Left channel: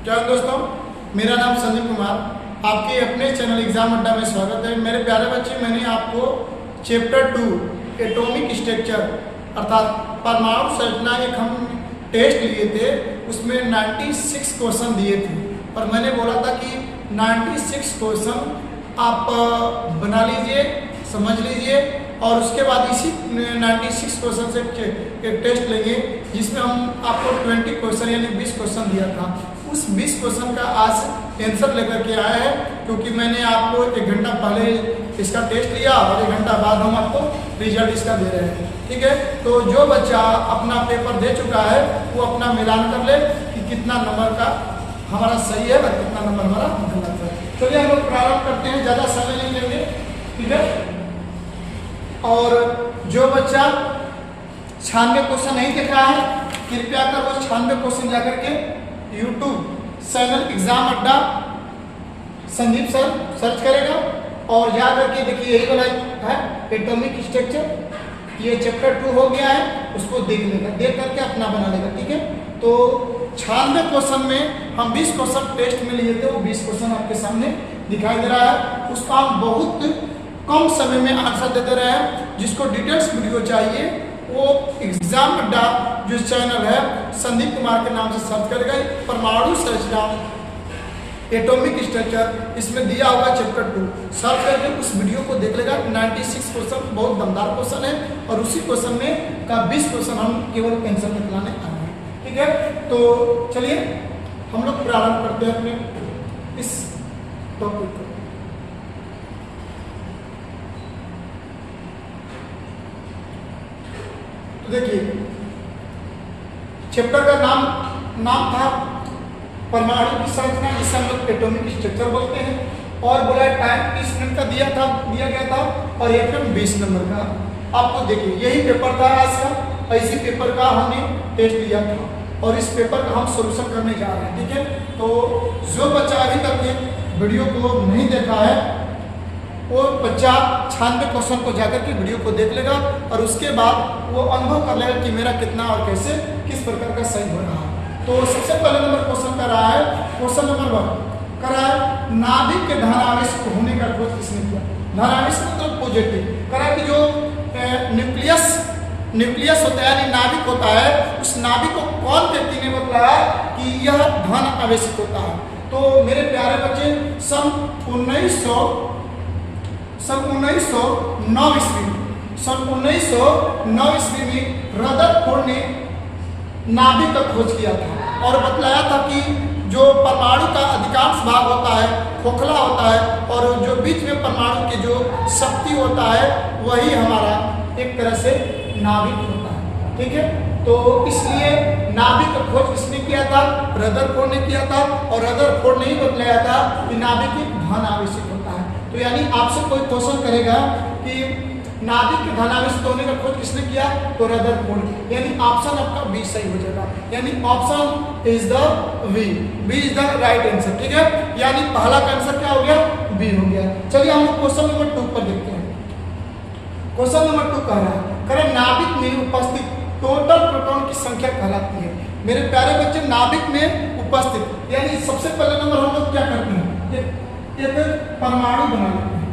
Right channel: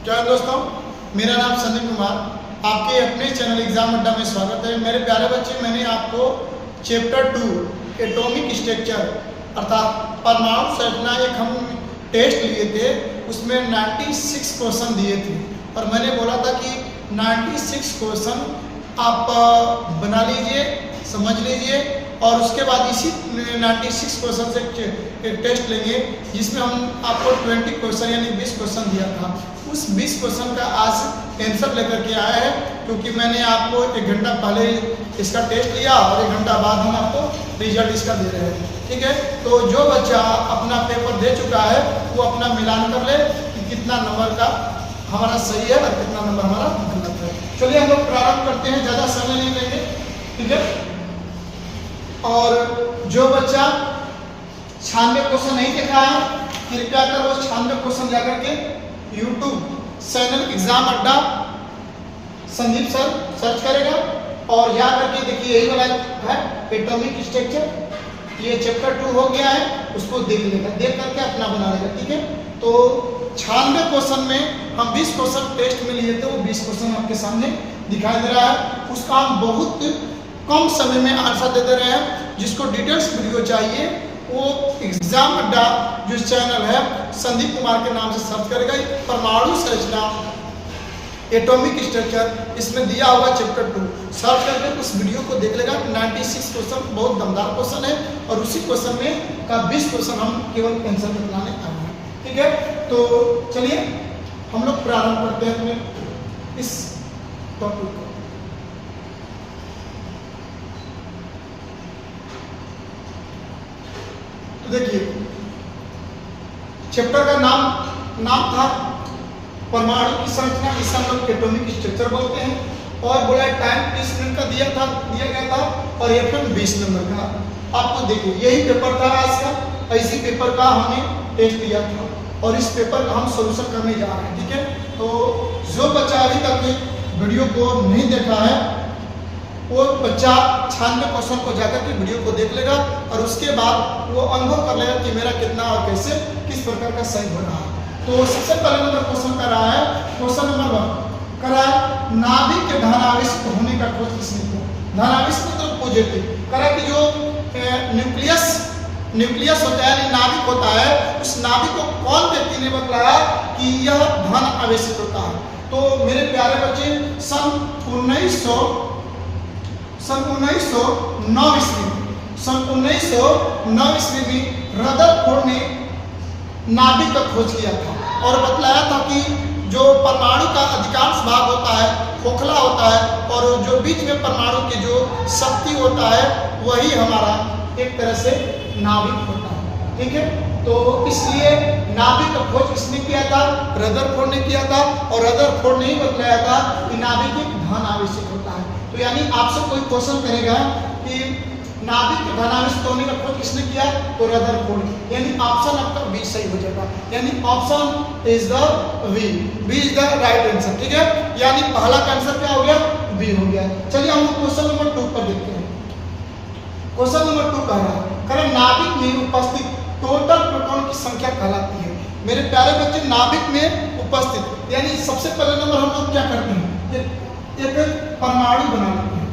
क्या दोस्तों, मेरा नाम संदीप कुमार, आपके अपने चैनल एग्जाम अड्डा में स्वागत है। मेरे प्यारे बच्चे, मैंने आपको चैप्टर 2 एटॉमिक स्ट्रक्चर अर्थात परमाणु संरचना एक हम टेस्ट लिए थे, उसमें 96 क्वेश्चन दिए थे और मैंने बोला था कि 96 क्वेश्चन आप बना लीजिए, समझ लीजिए और उसके बाद इसी 96 क्वेश्चन से एक टेस्ट लेंगे जिसमें हम आपको 20 क्वेश्चन यानी 20 क्वेश्चन दिया था। उस 20 क्वेश्चन का आज आंसर लेकर के आया है, क्योंकि मैंने आपको 1 घंटा पहले इसका टेस्ट लिया और 1 घंटा बाद हम आपको रिजल्ट इसका दे रहे हैं। ठीक है, तो जो बच्चा अपना पेपर दे चुका है वो अपना मिलान कर ले कि कितना नंबर का हमारा सही है और कितना नंबर हमारा गलत है। चलिए हम लोग प्रारंभ करते हैं, ज़्यादा समय नहीं लेंगे। ठीक है, और जो बच्चा 96 क्वेश्चन नहीं देखा है कृपया कर वो 96 क्वेश्चन जाकर के यूट्यूब चैनल एग्जाम अड्डा संदीप सर सर्च करेगा और जा करके देखिए यही वाला है एटॉमिक स्ट्रक्चर, ये चैप्टर 2 हो गया है, उसको देख लेगा, देख करके अपना बना लेगा। ठीक है, तो 96 क्वेश्चन में हम 20 क्वेश्चन टेस्ट में लिए थे, वो 20 क्वेश्चन आपके सामने दिखाई दे रहा है। उसका हम बहुत कम समय में आंसर दे दे रहे हैं। जिसको डिटेल्स वीडियो चाहिए वो एग्जाम अड्डा जो चैनल है संदीप कुमार के नाम से सर्च करेगा, परमाणु संरचना एटॉमिक स्ट्रक्चर, इसमें दिया हुआ चैप्टर 2 सर्च करके उस वीडियो को देख लेगा। 96 क्वेश्चन बहुत दमदार क्वेश्चन है और उसी क्वेश्चन में का 20 क्वेश्चन हम केवल आंसर बतलाने आए हैं। ठीक है, तो चलिए हम लोग प्रारंभ करते हैं अपने इस टॉपिक को। देखिए चैप्टर का नाम था परमाणु की संरचना, इसे हम लोग एटॉमिक स्ट्रक्चर बोलते हैं और बोला टाइम 30 मिनट का दिया गया था और FM 20 नंबर का। आपको देखिए यही पेपर था आज का, इसी पेपर का हमने टेस्ट लिया था और इस पेपर का हम सोल्यूशन करने जा रहे हैं। ठीक है, तो जो बच्चा अभी तक वीडियो को नहीं देखा है वो बच्चा 96 क्वेश्चन को जाकर के वीडियो को देख लेगा और उसके बाद वो अनुभव कर लेगा कि मेरा कितना और कैसे किस प्रकार का सही हो रहा है। तो सबसे पहले नंबर क्वेश्चन कर रहा है, क्वेश्चन नंबर 1 कर रहा है नाभिक के धनावेश होने का खोज किसने किया। धनावेश मतलब पॉजिटिव, कर रहा है कि जो न्यूक्लियस होता है नाभिक होता है, उस नाभिक को कौन व्यक्ति ने बताया कि यह धन आवेशित होता है। तो मेरे प्यारे बच्चे सन 1909 ईस्वी में रदरफोर्ड ने नाभिक का खोज किया था और बतलाया था कि जो परमाणु का अधिकांश भाग होता है खोखला होता है और जो बीच में परमाणु की जो शक्ति होता है वही हमारा एक तरह से नाभिक होता है। ठीक है, तो इसलिए नाभिक का खोज किसने किया था? रदरफोर्ड ने किया था और रदरफोर्ड ने ही बतलाया था कि नाभिक एक धन आवेशित होता है। तो यानी आपसे कोई क्वेश्चन करेगा कि नाभिक के धनावेशित होने का खोज किसने किया, तो रदरफोर्ड, यानी ऑप्शन आपका बी सही हो जाएगा, यानी option is the B is the right answer. ठीक है, यानी पहला का आंसर क्या हो गया, बी हो गया। चलिए हम लोग क्वेश्चन नंबर 2 पर देखते हैं। क्वेश्चन नंबर 2 कह रहा है नाभिक में उपस्थित टोटल प्रोटॉन की संख्या कहलाती है। मेरे प्यारे बच्चे नाभिक में उपस्थित यानी सबसे पहले नंबर हम लोग क्या करते हैं, एक परमाणु बना लेते हैं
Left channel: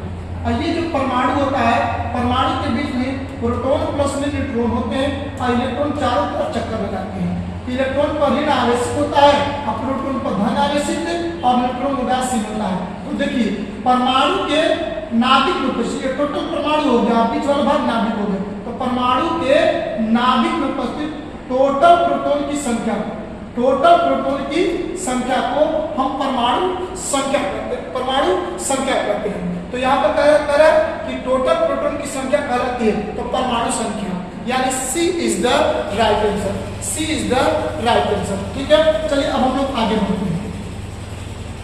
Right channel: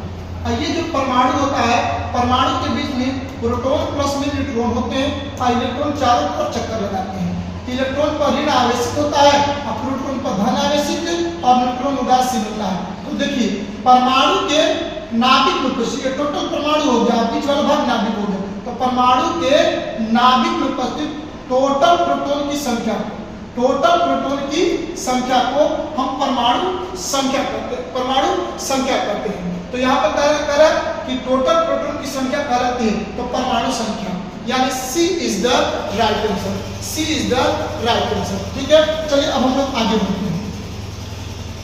और ये जो परमाणु होता है परमाणु के बीच में प्रोटॉन प्लस में न्यूट्रॉन होते हैं और इलेक्ट्रॉन चारों तरफ चक्कर लगाते हैं। इलेक्ट्रॉन पर ऋण आवेशित होता है और प्रोटॉन पर धन आवेशित और न्यूट्रॉन उदासीन होता है। तो देखिए परमाणु के नाभिक में उपस्थित टोटल परमाणु हो गया, बीच वाला भाग नाभिक हो गया, तो परमाणु के नाभिक में उपस्थित टोटल प्रोटॉन की संख्या को हम परमाणु संख्या करते हैं। तो यहाँ पर कह रहा है कि टोटल प्रोटॉन की संख्या कहलाती है तो परमाणु संख्या, यानी सी इज द राइट आंसर। ठीक है, चलिए अब हम लोग आगे बढ़ते हैं।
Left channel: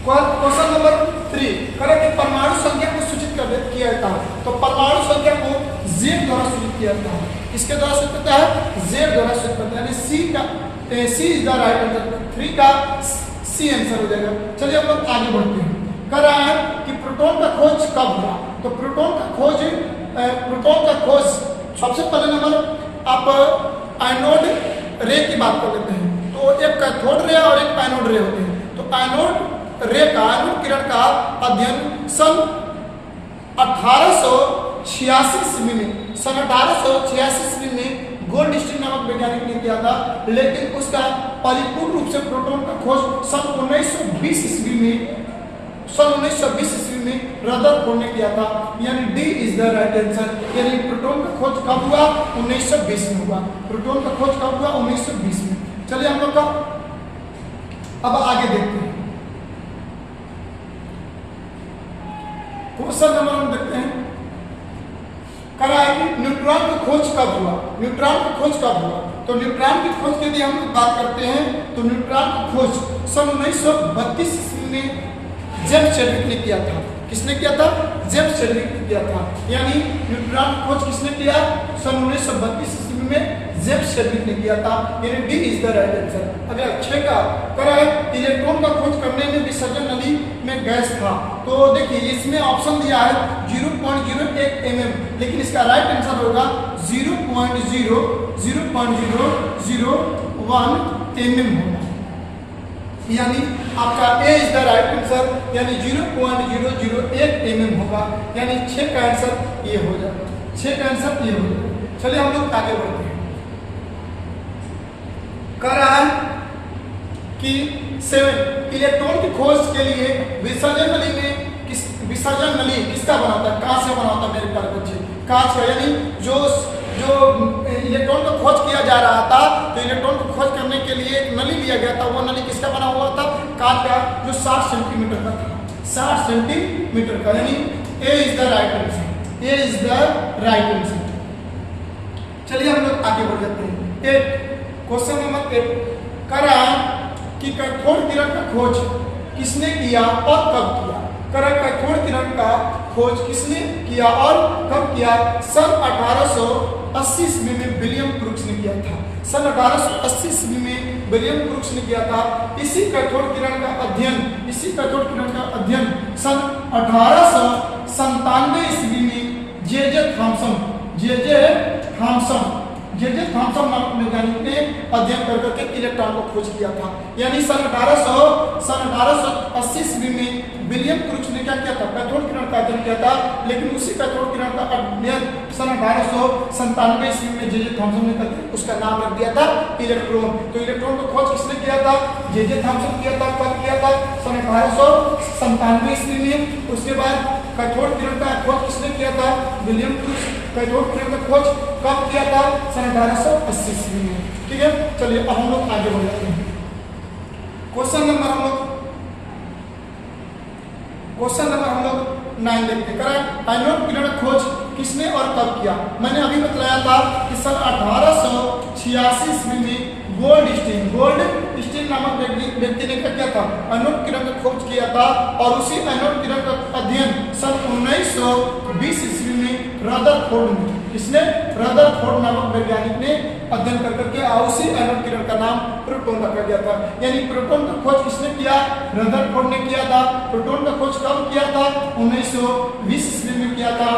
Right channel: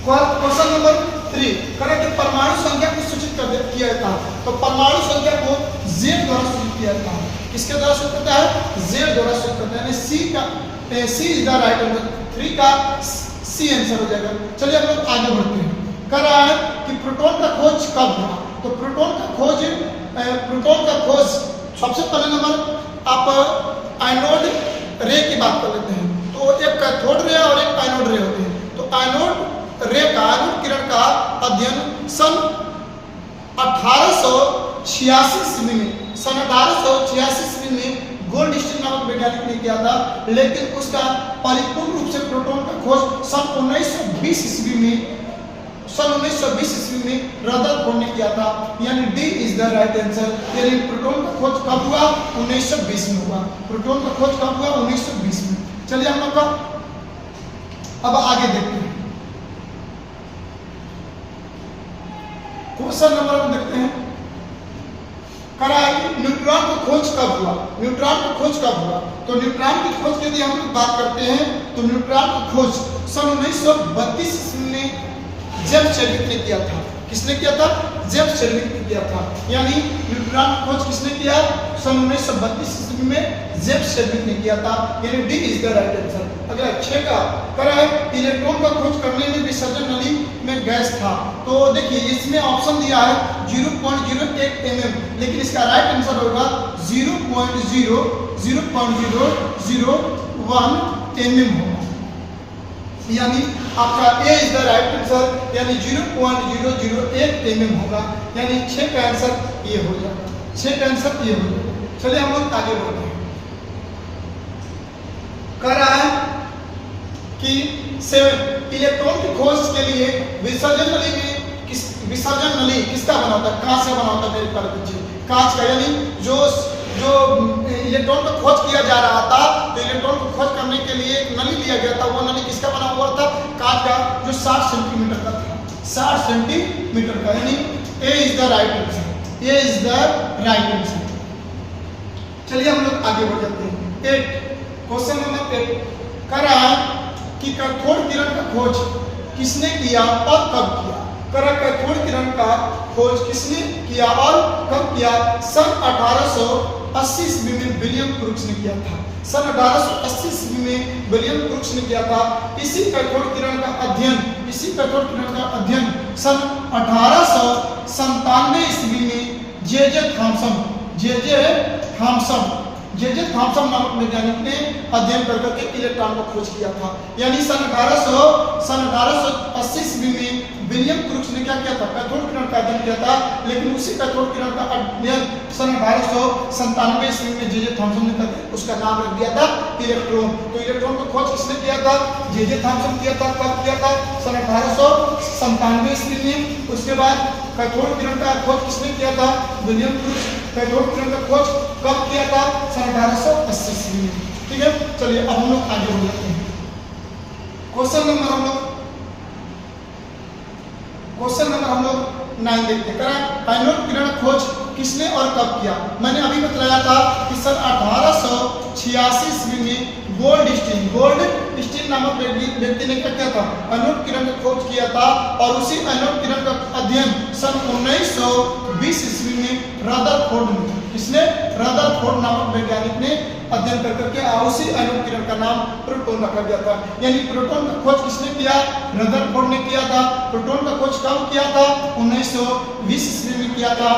क्वेश्चन नंबर 3 कह कि परमाणु संख्या को सूचित किया जाता है, तो परमाणु संख्या को Z द्वारा सूचित किया जाता है। किसके द्वारा सूचित होता है, Z द्वारा सूचित होता है, यानी सी इज द राइट आंसर, 3 का सी आंसर हो जाएगा। चलिए हम लोग आगे बढ़ते हैं। कह रहा है कि प्रोटॉन का खोज कब हुआ, तो प्रोटॉन का खोज सबसे पहले नंबर आप एनोड रे की बात कर लेते हैं। तो एक कैथोड रे और एक एनोड रे होते हैं। तो एनोड रे का एनोड किरण का अध्ययन सन 1886 ईस्वी में, सन 1886 ईस्वी में गोल्डस्टीन नामक वैज्ञानिक ने किया था, लेकिन उसका परिपूर्ण रूप से प्रोटॉन का खोज सन 1920 ईस्वी में, सन 1920 ईस्वी में रदरफोर्ड ने किया था। यानी D is the right answer. यानी प्रोटॉन का खोज कब हुआ? 1920 में हुआ। प्रोटॉन का खोज कब हुआ? 1920 में। चलिए हम लोग का अब आगे देखते हैं। क्वेश्चन नंबर हम देखते हैं, करा है कि न्यूट्रॉन की खोज कब हुआ? न्यूट्रॉन की खोज कब हुआ? तो न्यूट्रॉन की खोज के लिए हम लोग बात करते हैं तो न्यूट्रॉन की खोज सन 1932 ईस्वी में जेम्स चैडविक ने किया था। किसने किया था? जेम्स चैडविक ने किया था। यानी न्यूट्रॉन की खोज किसने किया? सन 1932 ईस्वी में जेम्स चैडविक ने किया था। यानी D is the right answer. अगला 6 का करा है इलेक्ट्रॉन का खोज करने में विसर्जन नली में गैस था। तो देखिए इसमें ऑप्शन दिया है 0.01 mm, लेकिन इसका राइट आंसर होगा 0.001 mm होगा। यानी आपका ए इज द राइट आंसर, यानी 0.001 mm होगा। यानी 6 का आंसर ये हो जाएगा। 6 का आंसर ये हो जाएगा। चलिए हम लोग आगे बढ़ते हैं। कह रहा है कि 7 इलेक्ट्रॉन की खोज के लिए विसर्जन नली में विसर्जन नली किसका बना होता है? कांच से बना होता है मेरे प्यारे बच्चे, कांच का। यानी जो इलेक्ट्रॉन का खोज किया जा रहा था, तो इलेक्ट्रॉन को खोज करने के लिए एक नली लिया गया था। वो नली किसका बना हुआ था? कांच का, जो 60 सेंटीमीटर का था। 60 सेंटीमीटर का। यानी A is the right answer. A is the right answer. चलिए हम लोग आगे बढ़ जाते हैं। 8 क्वेश्चन नंबर 8 कर रहा है कि कैथोड किरण का खोज किसने किया और कब किया? कर कैथोड किरण का खोज किसने किया और कब किया? सन 1880 ईस्वी में विलियम क्रूक्स ने किया था। सन 1880 ईस्वी में विलियम क्रूक्स ने किया था। इसी कैथोड किरण का अध्ययन सन 1897 ईस्वी में जे.जे. थॉमसन नामक वैज्ञानिक ने अध्ययन करके इलेक्ट्रॉन को खोज किया था। यानी सन 1880 ईस्वी में विलियम क्रूक्स ने क्या किया था? कैथोड किरण का अध्ययन किया था। लेकिन उसी कैथोड किरण का अध्ययन सन 1897 ईस्वी में जे.जे. थॉमसन ने करके उसका नाम रख दिया था इलेक्ट्रॉन। तो इलेक्ट्रॉन को खोज किसने किया था? जे.जे. थॉमसन किया था। कब किया था? सन 1897 ईस्वी में। उसके बाद कैथोड किरण का खोज किसने किया था? William crooks. कैथोड किरण का खोज कब किया था? सन 1880 ईस्वी में। ठीक है, चलिए अब हम लोग आगे बढ़ जाते हैं। क्वेश्चन नंबर हम लोग 9 देखते हैं। एनोड किरण खोज किसने और कब किया? मैंने अभी बताया था कि सन 1886 ईस्वी में गोल्डस्टीन नामक व्यक्ति ने क्या किया था? एनोड किरण का खोज किया था। और उसी एनोड किरण का अध्ययन सन 1920 ईस्वी में रदरफोर्ड ने, इसने रदरफोर्ड नामक वैज्ञानिक ने अध्ययन करके उसी एनोड किरण का नाम प्रोटॉन रखा गया था। यानी प्रोटॉन का खोज किसने किया? रदरफोर्ड ने किया था। प्रोटॉन का खोज कब किया था? 1920 ईस्वी में किया था।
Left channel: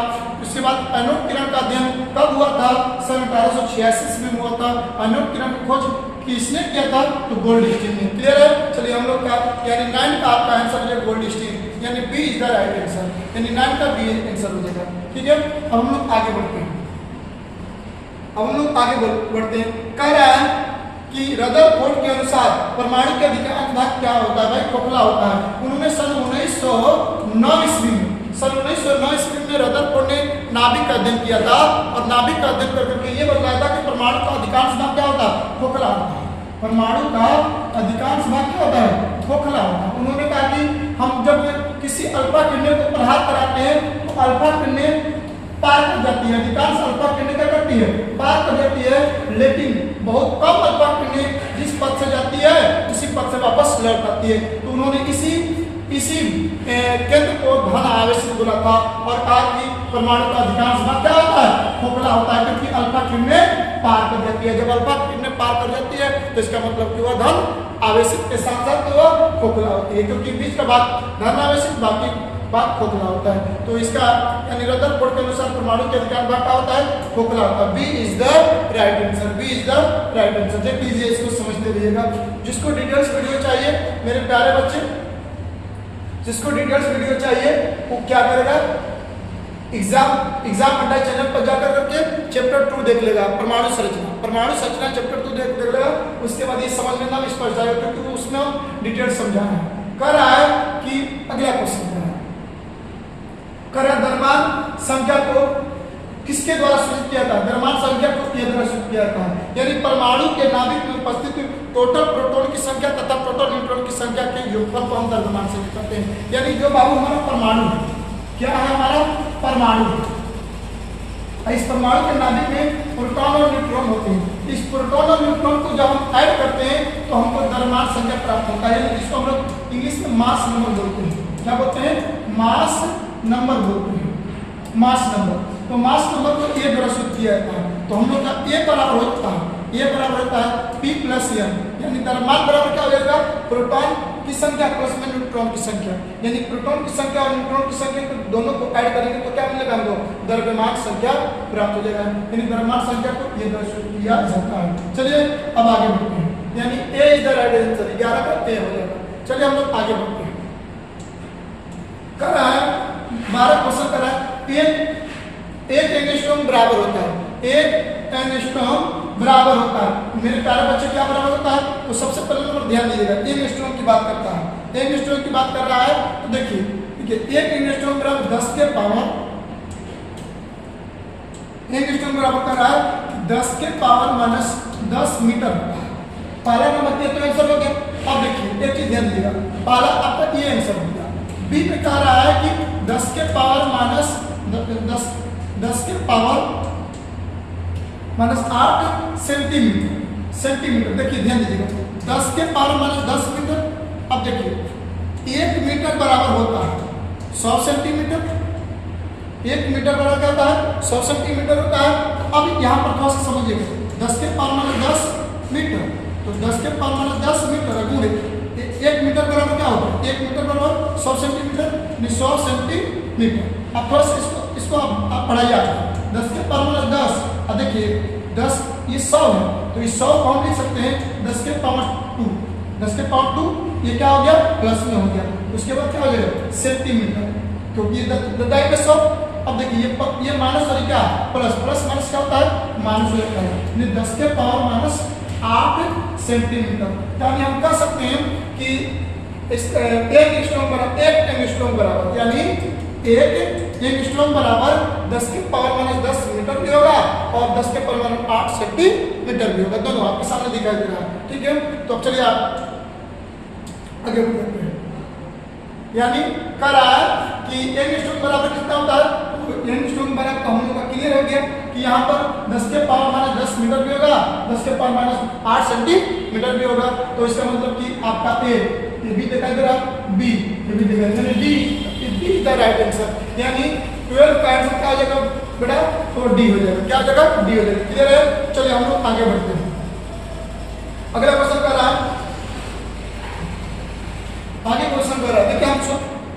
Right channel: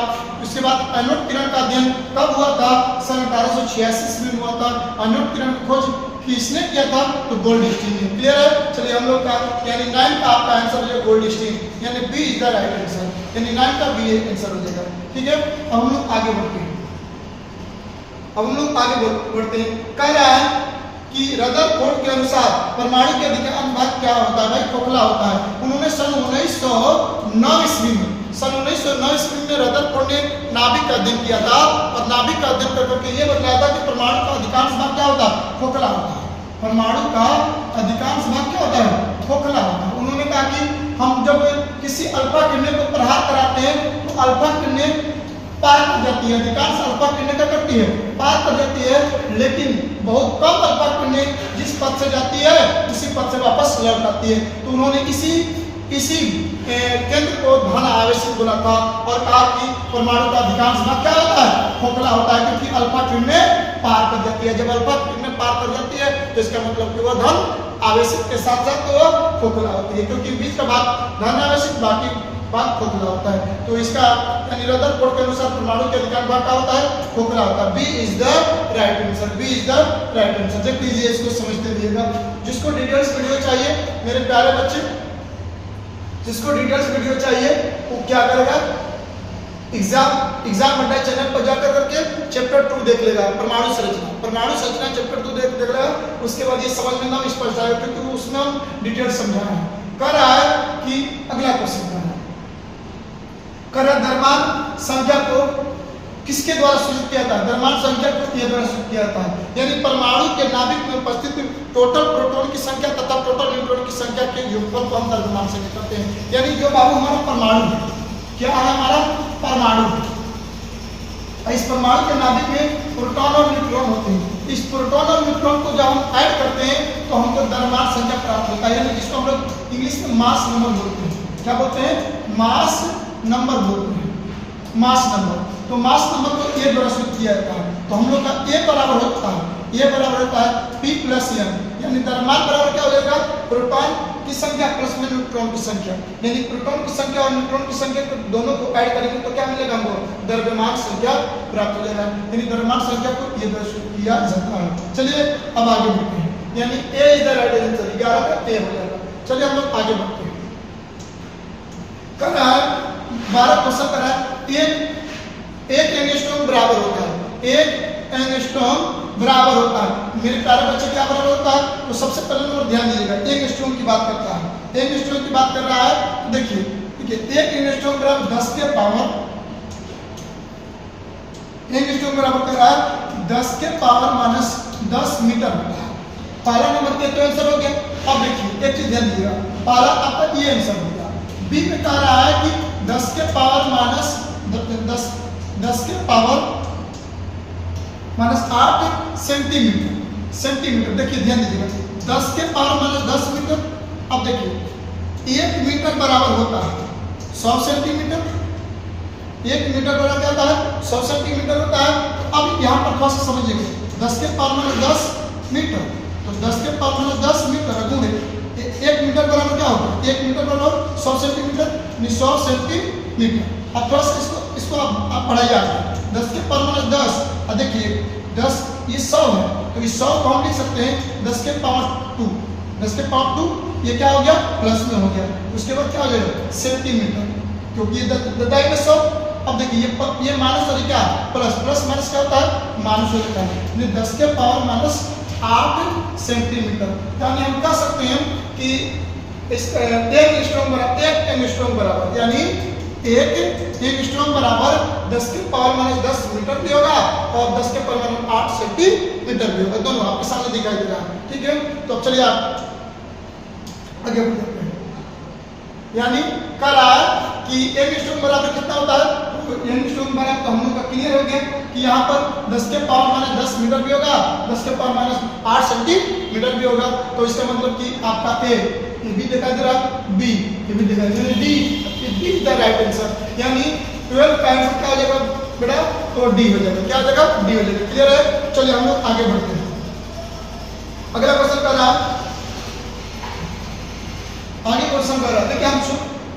उसके बाद एनोड किरण का अध्ययन कब हुआ था? सन 1886 ईस्वी में हुआ था। एनोड किरण का खोज किसने किया था? तो गोल्डस्टीन ने। क्लियर है? चलिए हम लोग का यानी 9 का आपका आंसर है गोल्डस्टीन। यानी B is the right answer. यानी 9 का बी आंसर हो जाएगा। ठीक है, अब हम लोग आगे बढ़ते हैं। कह रहा है कि रदरफोर्ड के अनुसार परमाणु के अधिकांश भाग क्या होता है? भाई खोखला होता है। उन्होंने सन 1909 ईस्वी में रदरफोर्ड ने नाभिक का अध्ययन किया था। और नाभिक का अध्ययन करके ये बताया था कि परमाणु का अधिकांश भाग क्या होता है? खोखला होता है। परमाणु का अधिकांश भाग क्या होता है? खोखला होता है। उन्होंने कहा कि हम जब किसी अल्फा किरणें को प्रहार कराते हैं तो अल्फा किरणें पार कर जाती है। अधिकांश अल्फा किरणें क्या करती है? पार कर जाती है। लेकिन बहुत कम अल्फा किरणें जिस पथ से जाती है उसी पथ से वापस लौट आती है। तो उन्होंने इसी केंद्र को धन आवेशित बोला था और कहा कि परमाणु का अधिकांश भाग क्या होता है? खोखला होता है, क्योंकि अल्फा किरणें पार कर जाती है। जब अल्फा किरणें पार कर जाती है तो इसका मतलब कि वह धन आवेशित के साथ साथ वह खोखला होती है, क्योंकि बीच का भाग धन आवेशित, बाकी भाग खोखला होता है। तो इसका यानी रदरफोर्ड के अनुसार परमाणु के अधिकांश भाग क्या होता है? खोखला होता है। B is the right answer. B is the right answer. देख लीजिए, इसको समझते रहिएगा। जिसको डिटेल्स वीडियो चाहिए मेरे प्यारे बच्चे, जिसको डिटेल्स वीडियो चाहिए वो क्या करेगा, एग्जाम अड्डा चैनल पर जाकर करके चैप्टर 2 देख लेगा, परमाणु संरचना चैप्टर 2 देख लेगा। उसके बाद ये समझ लेना स्पष्ट आएगा, क्योंकि उसमें हम डिटेल समझाना है। कह रहा है कि अगला क्वेश्चन कर रहा है द्रव्यमान संख्या को किसके द्वारा सूचित किया था, द्रव्यमान संख्या को ये द्वारा सूचित किया था, यानी परमाणु के नाभिक में उपस्थित टोटल प्रोटॉन की संख्या तथा टोटल न्यूट्रॉन की संख्या के योगफल को हम द्रव्यमान संख्या कहते हैं। यानी जो बाबू हमारा परमाणु है, क्या है हमारा परमाणु, इस परमाणु के नाभिक में प्रोटॉन और न्यूट्रॉन होते हैं। इस प्रोटॉन और न्यूट्रॉन को जब हम ऐड करते हैं तो हमको द्रव्यमान संख्या प्राप्त होता है, यानी जिसको हम लोग इंग्लिश में मास नंबर बोलते हैं। क्या बोलते हैं, मास नंबर बोलते हैं, मास नंबर। तो मास नंबर को ए द्वारा सूचित किया जाता है। तो हम लोग का ए बराबर होता है, ए बराबर होता है P प्लस n, यानी द्रव्यमान बराबर क्या हो जाएगा, प्रोटॉन की संख्या प्लस में न्यूट्रॉन की संख्या, यानी प्रोटॉन की संख्या और न्यूट्रॉन की संख्या को दोनों को ऐड करेंगे तो क्या मिलेगा हमको, द्रव्यमान संख्या प्राप्त हो जाएगा। यानी द्रव्यमान संख्या को ये द्वारा सूचित किया जाता है। चलिए अब आगे बढ़ते हैं, यानी A is the right answer, 11 का ए हो जाएगा। चलिए हम लोग आगे बढ़ते हैं। कर रहा है 12 क्वेश्चन कर रहा है, एक एंगस्ट्रॉम बराबर होता है, एक एंगस्ट्रॉम बराबर होता है। मेरे प्यारे बच्चे क्या बराबर होता है, तो सबसे पहले लोग ध्यान दीजिएगा, एंगस्ट्रॉम की बात करता है, एंगस्ट्रॉम की बात कर रहा है। तो देखिए एक एंगस्ट्रॉम बराबर 10 के पावर, एंगस्ट्रॉम बराबर कर रहा है 10 के पावर माइनस 10 मीटर होता है। पहला नंबर दिया तो आंसर हो गया। अब देखिए एक चीज ध्यान दीजिएगा, पहला आपका ये आंसर हो गया। बी में कह रहा है कि 10 के पावर माइनस 10 के पावर माइनस 8 सेंटीमीटर। देखिए ध्यान दीजिएगा, 10 के पावर माइनस 10 मीटर। अब देखिए 1 मीटर बराबर होता है 100 सेंटीमीटर, 1 मीटर बराबर क्या होता है 100 सेंटीमीटर होता है। तो अब यहाँ पर थोड़ा सा समझिएगा, 10 के पावर माइनस 10 मीटर, तो 10 के पावर माइनस 10 मीटर गुणे 1 मीटर बराबर क्या होगा, 1 मीटर बराबर 100 सेंटीमीटर, 100 सेंटीमीटर। अब थोड़ा सा इसको आप पढ़ाइए आगे, 10 के पावर माइनस 10, अब देखिए 10 ये 100 है, तो इस 100 को हम लिख सकते हैं 10 के पावर 2, 10 के पावर 2 ये क्या हो गया प्लस में हो गया। उसके बाद क्या हो जाएगा सेंटीमीटर, क्योंकि ये 10 में 100। अब देखिए ये माइनस और क्या प्लस, प्लस माइनस क्या होता है माइनस हो जाता है, 10 के पावर माइनस 8 सेंटीमीटर। यानी हम कह सकते हैं कि एक एंगस्ट्रॉम बराबर, यानी एक एंगस्ट्रॉम बराबर 10 के पावर माइनस 10 मीटर भी होगा और 10 के पावर माइनस 8 सेंटीमीटर भी होगा, दोनों आपके सामने दिखाई दे रहा है। ठीक है, तो अब चलिए आप आगे बढ़ते हैं। यानी कह रहा है कि एंगस्ट्रॉम बराबर कितना होता है, एंगस्ट्रॉम बराबर तो हम लोग का क्लियर हो गया कि यहाँ पर 10 के पावर माइनस 10 मीटर भी होगा, 10 के पावर माइनस 8 सेंटीमीटर भी होगा। तो इसका मतलब कि आपका ए ये भी दिखाई दे रहा, बी ये भी दिखाई दे रहा, D is the right answer. यानी 12 का आंसर क्या हो जाएगा बेटा, तो डी हो जाएगा। क्या हो जाएगा, डी हो जाएगा। क्लियर है, चलिए हम लोग आगे बढ़ते हैं। अगला क्वेश्चन कर रहा है, आगे क्वेश्चन कर रहा है। देखिए हम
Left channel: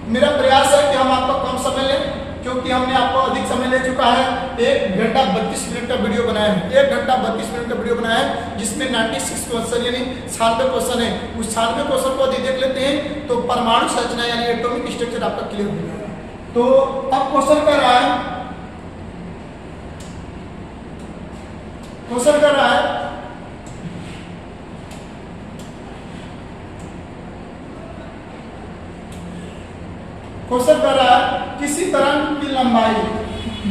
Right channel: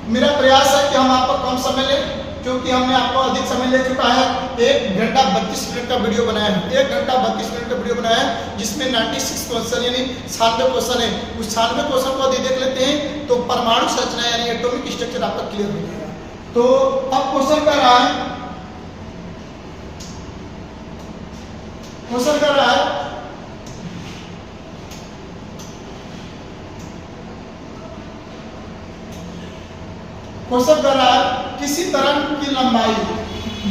मेरा प्रयास है कि हम आपको कम समय लें, क्योंकि हमने आपको अधिक समय ले चुका है। 1 घंटा 32 मिनट का वीडियो बनाया है, 1 घंटा 32 मिनट का वीडियो बनाया है, जिसमें 96 क्वेश्चन यानी 96 क्वेश्चन है। उस 96 क्वेश्चन को यदि देख लेते हैं तो परमाणु संरचना यानी एटॉमिक स्ट्रक्चर आपका क्लियर हो जाएगा। तो अब क्वेश्चन कर रहा है, क्वेश्चन कर रहा है क्वेश्चन कर रहा है किसी तरंग की लंबाई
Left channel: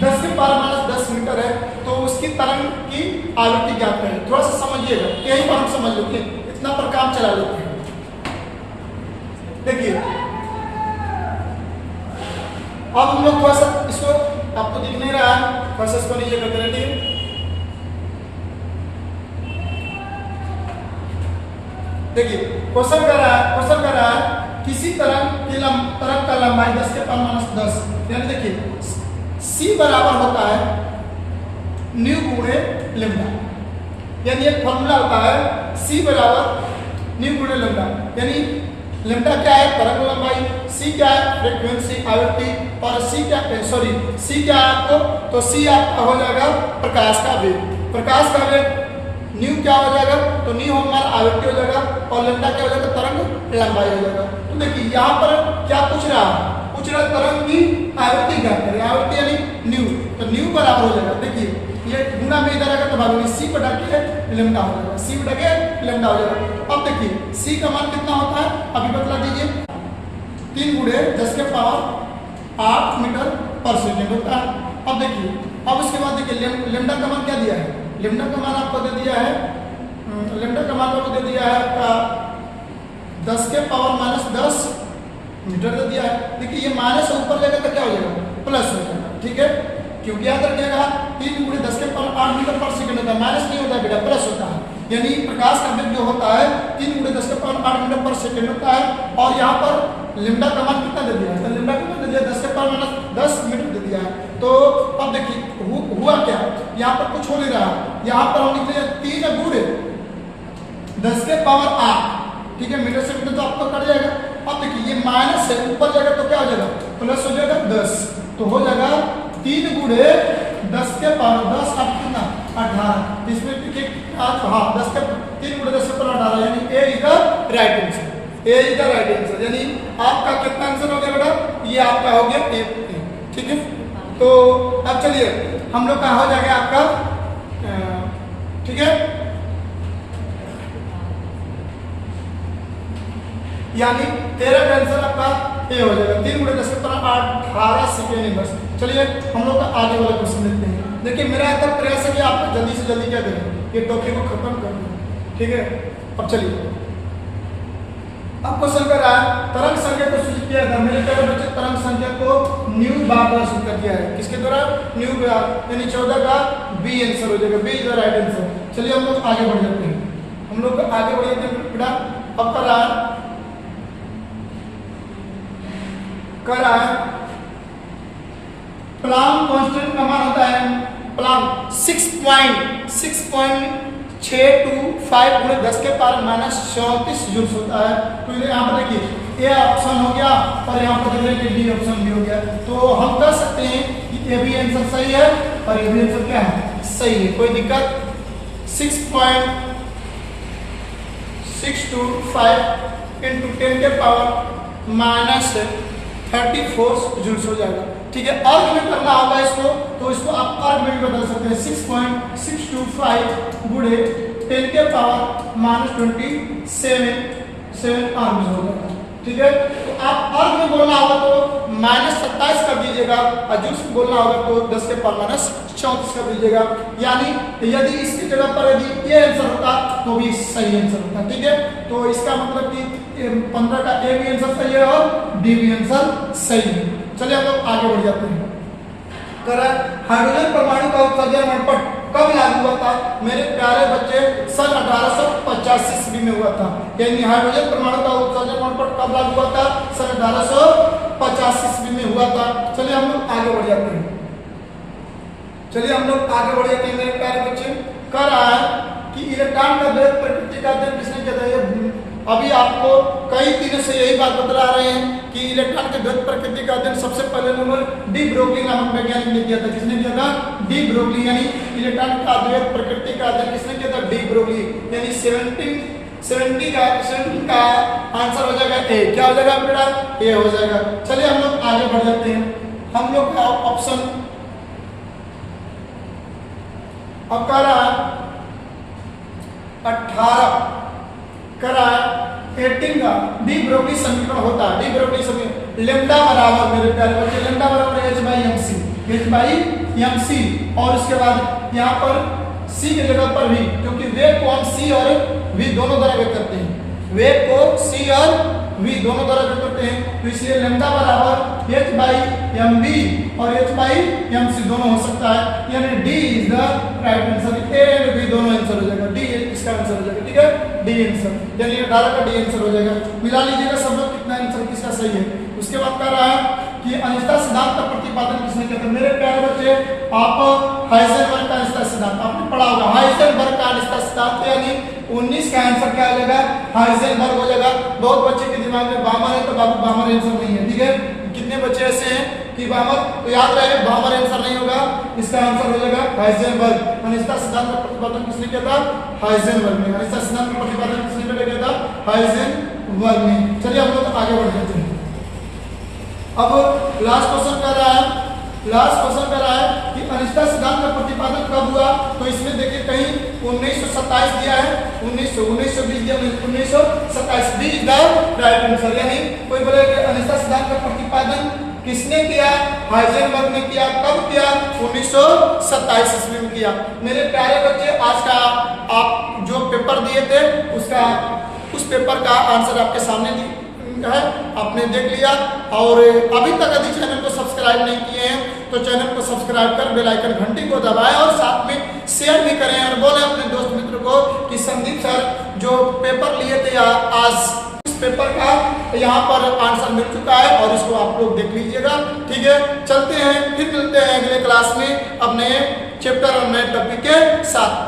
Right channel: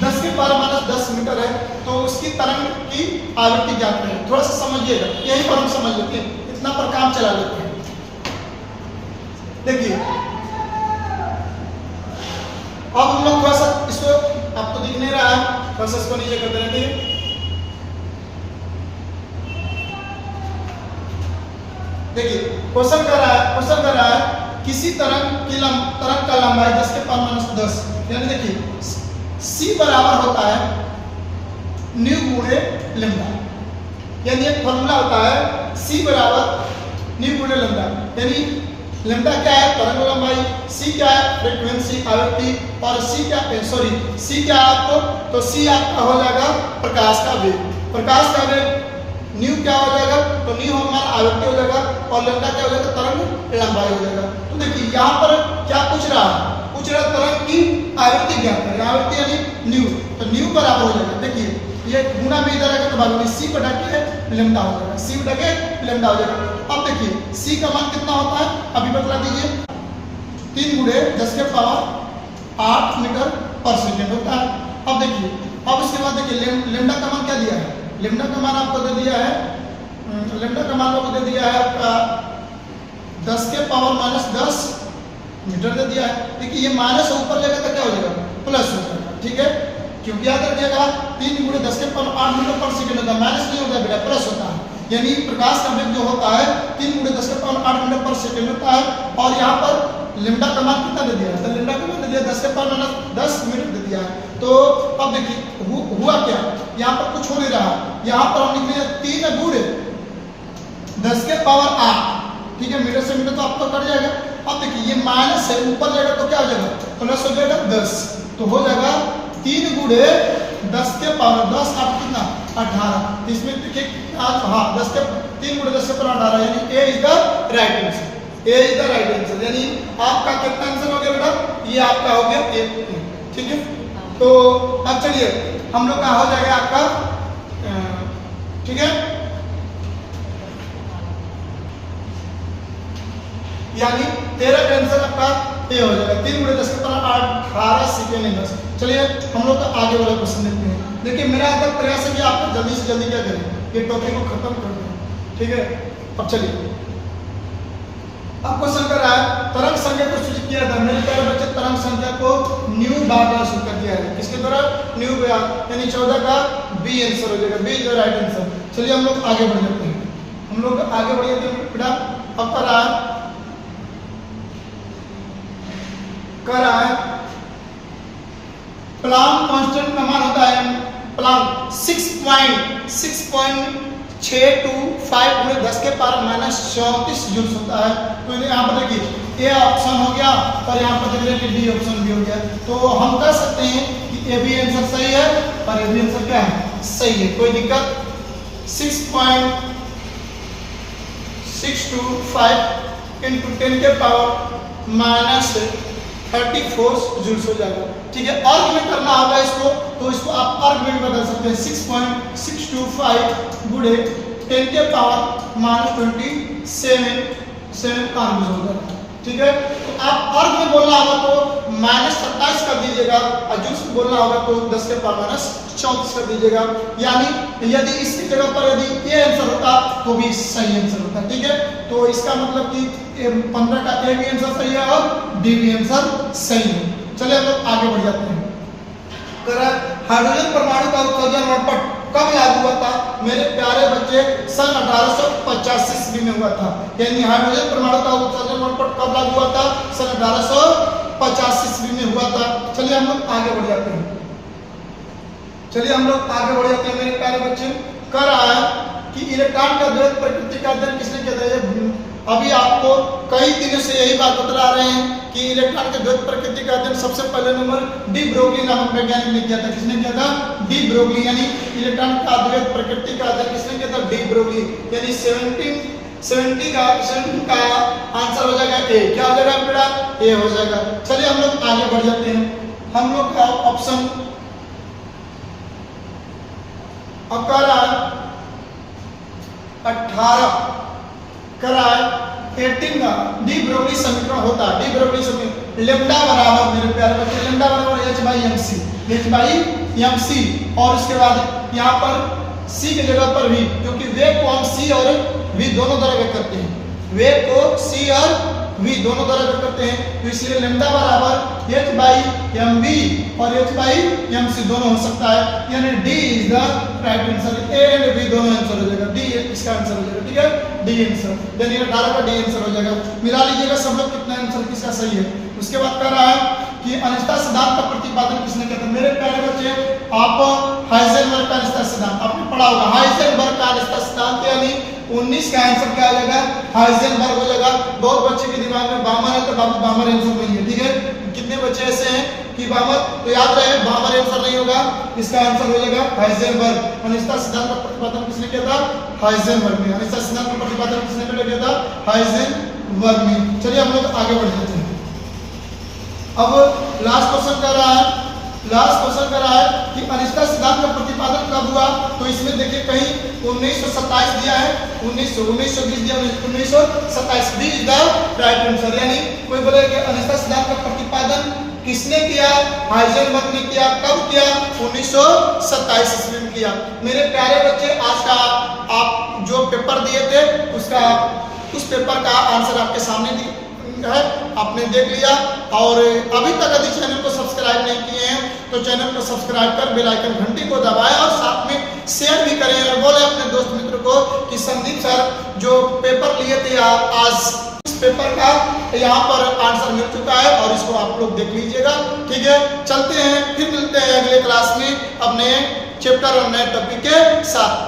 10 के पावर माइनस 10 मीटर है, तो उसकी तरंग की आवृत्ति ज्ञात करें। थोड़ा सा समझिएगा, यहीं पर हम समझ लेते हैं, इतना पर काम चला लेते हैं। देखिए अब हम लोग थोड़ा सा इसको, आपको दिख नहीं रहा है, थोड़ा सा इसको नीचे करते रहिए। देखिए क्वेश्चन कर रहा है किसी तरंग का लंबाई 10 के पावर माइनस 10, यानी देखिए C बराबर होता है न्यू गुणे लैम्डा, यानी एक फॉर्मूला होता है C बराबर न्यू गुणे लैम्डा, यानी लैम्डा क्या है तरंग लंबाई, C क्या है फ्रीक्वेंसी आवृत्ति, और C क्या है आपको, तो C आपका हो जाएगा प्रकाश का वेग। प्रकाश का वेग न्यू क्या हो जाएगा, तो न्यू हमारा आवृत्ति हो जाएगा और लेमडा क्या हो जाएगा, तरंग लंबाई हो जाएगा। तो देखिए यहाँ पर क्या पूछ रहा है, पूछ रहा तरंग की आवृत्ति क्या करें, आवृत्ति यानी न्यू, तो न्यू बराबर हो जाएगा, देखिए ये गुना में इधर आएगा तो भाग सी बटा के लेमडा हो जाएगा, सी बटा के लेमडा हो जाएगा। अब देखिए सी का मान कितना होता है, अभी बतला दीजिए, 3 गुणे 10 के पावर 8 मीटर पर सेकेंड होता है। अब देखिए अब उसके बाद देखिए लेमडा का मान क्या दिया है, लेमडा का मान आपको दे दिया है, लेमडा का मान आपको दे दिया है आपका 10 के पावर -10 मीटर दे दिया है। देखिए ये माइनस ऊपर जाएगा तो क्या हो जाएगा, प्लस हो जाएगा, ठीक है, क्योंकि याद रखिएगा 3 गुणे 10 के पावर 8 मीटर पर सेकेंड होता है, माइनस नहीं होता बेटा, प्लस होता है, यानी प्रकाश का वेग जो होता है 3 गुणे 10 के पावर 8 मीटर पर सेकेंड होता है। और यहाँ पर लेमडा का मान कितना दे दिया है, तो लेमडा का मान दे दिया 10 के पावर -10 मीटर दे दिया है। तो अब देखिए हुआ क्या, यहाँ पर कुछ हो नहीं रहा, यहाँ पर हम लिख रहे 3 गुणे 10 के पावर 8, ठीक है, मीटर से मीटर तो आपको कट जाएगा। अब देखिए ये माइनस है, ऊपर जाएगा तो क्या हो जाएगा, प्लस हो जाएगा 10, तो हो जाएगा 3 गुणे 10 के पावर 10 8 कितना 18, इसमें हाँ 10 के 3 गुणे 10 के पावर 18, यानी A is the right answer, A is the right answer, यानी आपका कितना आंसर हो गया बेटा, ये आपका हो गया ए, ठीक है। तो अब चलिए हम लोग का हो जाएगा आपका, ठीक है, यानी 13 का आंसर आपका ए हो जाएगा, 3 गुणे 10 के पावर 18 सेकेंड इनवर्स। चलिए हम लोग का आगे वाला क्वेश्चन देखते हैं। देखिए मेरा आता प्रयास है कि आप जल्दी से जल्दी क्या करें, ये टॉपिक को खत्म कर दें, ठीक है। अब चलिए अब क्वेश्चन कर रहा है तरंग संख्या को सूचित किया था, मेरे प्यारे बच्चे तरंग संख्या को न्यू बार द्वारा सूचित किया है, किसके द्वारा, न्यू बार, यानी 14 का बी आंसर हो जाएगा, B is the right answer. चलिए हम लोग आगे बढ़ जाते हैं, हम लोग आगे बढ़ जाते हैं बेटा। अब कर रहा है प्लांक कांस्टेंट का मान होता है, प्लांक 6.625 गुणे 10 के पावर -34 जूल्स होता है। तो यहाँ पर देखिए ए ऑप्शन हो गया और यहाँ पर देख रहे हैं डी ऑप्शन भी हो गया, तो हम कह सकते हैं कि ए भी आंसर सही है और ए भी आंसर क्या है, सही है, कोई दिक्कत। 6.625 इंटू 10 के पावर -34 जूल्स हो जाएगा, ठीक है। अर्ग में करना होगा इसको, तो इसको आप अर्ग में भी बदल सकते हैं, 6.625 गुणे 10 के पावर -27 अर्ग हो जाएगा, ठीक है। तो आप अर्ग में बोलना होगा तो -27 कर दीजिएगा और जूल्स में बोलना होगा तो 10 के पावर -34 कर दीजिएगा, यानी यदि इसकी जगह पर यदि ये आंसर होता तो भी सही आंसर होता, ठीक है। तो इसका मतलब कि 15 का ए भी आंसर सही है और डी भी आंसर सही है। चलिए हम लोग आगे बढ़ जाते हैं। हाइड्रोजन परमाणु का उत्सर्जन मणपट कब लागू हुआ था, मेरे प्यारे बच्चे, सन 1885 ईस्वी में हुआ था, यानी हाइड्रोजन परमाणु का उत्सर्जन मणपट कब लागू हुआ था, सन 1885 ईस्वी में हुआ था। चलिए हम लोग आगे बढ़ जाते हैं, चलिए हम लोग आगे बढ़ जाते हैं मेरे प्यारे बच्चे। कह रहा है कि इलेक्ट्रॉन का द्वैत प्रकृति का अध्ययन किसने किया था, अभी आपको कई दिनों से यही बात बता रहे हैं कि इलेक्ट्रॉन के द्वैत प्रकृति का अध्ययन सबसे पहले नंबर डी ब्रोगली नामक वैज्ञानिक ने किया था। किसने किया था, डी ब्रोगली, यानी इलेक्ट्रॉन का द्वैत प्रकृति का अध्ययन किसने किया था, डी ब्रोगली, यानी 17 का आंसर हो जाएगा ए, क्या हो जाएगा बेटा, ए हो जाएगा। चलिए हम लोग आगे बढ़ जाते हैं, हम लोग का ऑप्शन अब कह रहा है 18 करा है 18 का डी ब्रोगली समीकरण होता है, डी ब्रोगली समीकरण लेमडा बराबर, मेरे प्यारे बच्चे, लेमडा बराबर h/mc, और उसके बाद यहाँ पर c की जगह पर v, क्योंकि वेग को हम c और v दोनों द्वारा व्यक्त करते हैं, वेग को c और v दोनों द्वारा व्यक्त करते हैं, तो इसलिए लेमडा बराबर h/mv और h/mc दोनों हो सकता है, यानी d is the right answer, a and b दोनों आंसर हो जाएगा, d इसका आंसर हो जाएगा, ठीक है, d आंसर, यानी 18 का d आंसर हो जाएगा। मिला लीजिएगा सब लोग कितना आंसर किसका सही है। उसके बाद कह रहा है कि अनिश्चितता सिद्धांत का प्रतिपादन किसने किया था, मेरे प्यारे बच्चे, आप हाइजेनबर्ग का अनिश्चितता सिद्धांत आपने पढ़ा होगा, हाइजेनबर्ग का अनिश्चितता सिद्धांत, यानी 19 का आंसर क्या हो जाएगा, हाइजेनबर्ग हो जाएगा। बहुत बच्चे के दिमाग में बामर है तो बाबू बामर आंसर नहीं है, ठीक है। कितने बच्चे ऐसे हैं कि बामर, तो याद रहे बामर आंसर नहीं होगा, इसका आंसर हो जाएगा हाइजेनबर्ग। अनिश्चितता सिद्धांत का प्रतिपादन किसने किया था? हाइजेनबर्ग ने। अनिश्चितता सिद्धांत का प्रतिपादन किसने किया था? हाइजेनबर्ग ने। चलिए हम लोग आगे बढ़ते हैं। अब लास्ट क्वेश्चन कर रहा है कि अनिश्चितता सिद्धांत का प्रतिपादन कब हुआ? तो इसमें देखिए कहीं 1927 दिया है, 1920 दिया, 1927 B is the right answer. यानी कोई बोले कि अनिश्चितता सिद्धांत का प्रतिपादन किसने किया? हाइजेनबर्ग ने किया। कब किया? 1927 ईस्वी में किया। मेरे प्यारे बच्चे, आज का आप जो पेपर दिए थे उस पेपर का आंसर आपके सामने है, आपने देख लिया। और अभी तक यदि चैनल को सब्सक्राइब नहीं किए हैं तो चैनल को सब्सक्राइब कर बेल आइकन घंटी को दबाएं और साथ में शेयर भी करें और बोले अपने दोस्त मित्र को कि संदीप सर जो पेपर लिए थे आज इस पेपर का यहाँ पर आंसर मिल चुका है और इसको आप लोग देख लीजिएगा। ठीक है, चलते हैं, फिर मिलते हैं अगले क्लास में अब नए चैप्टर और नए टॉपिक के साथ।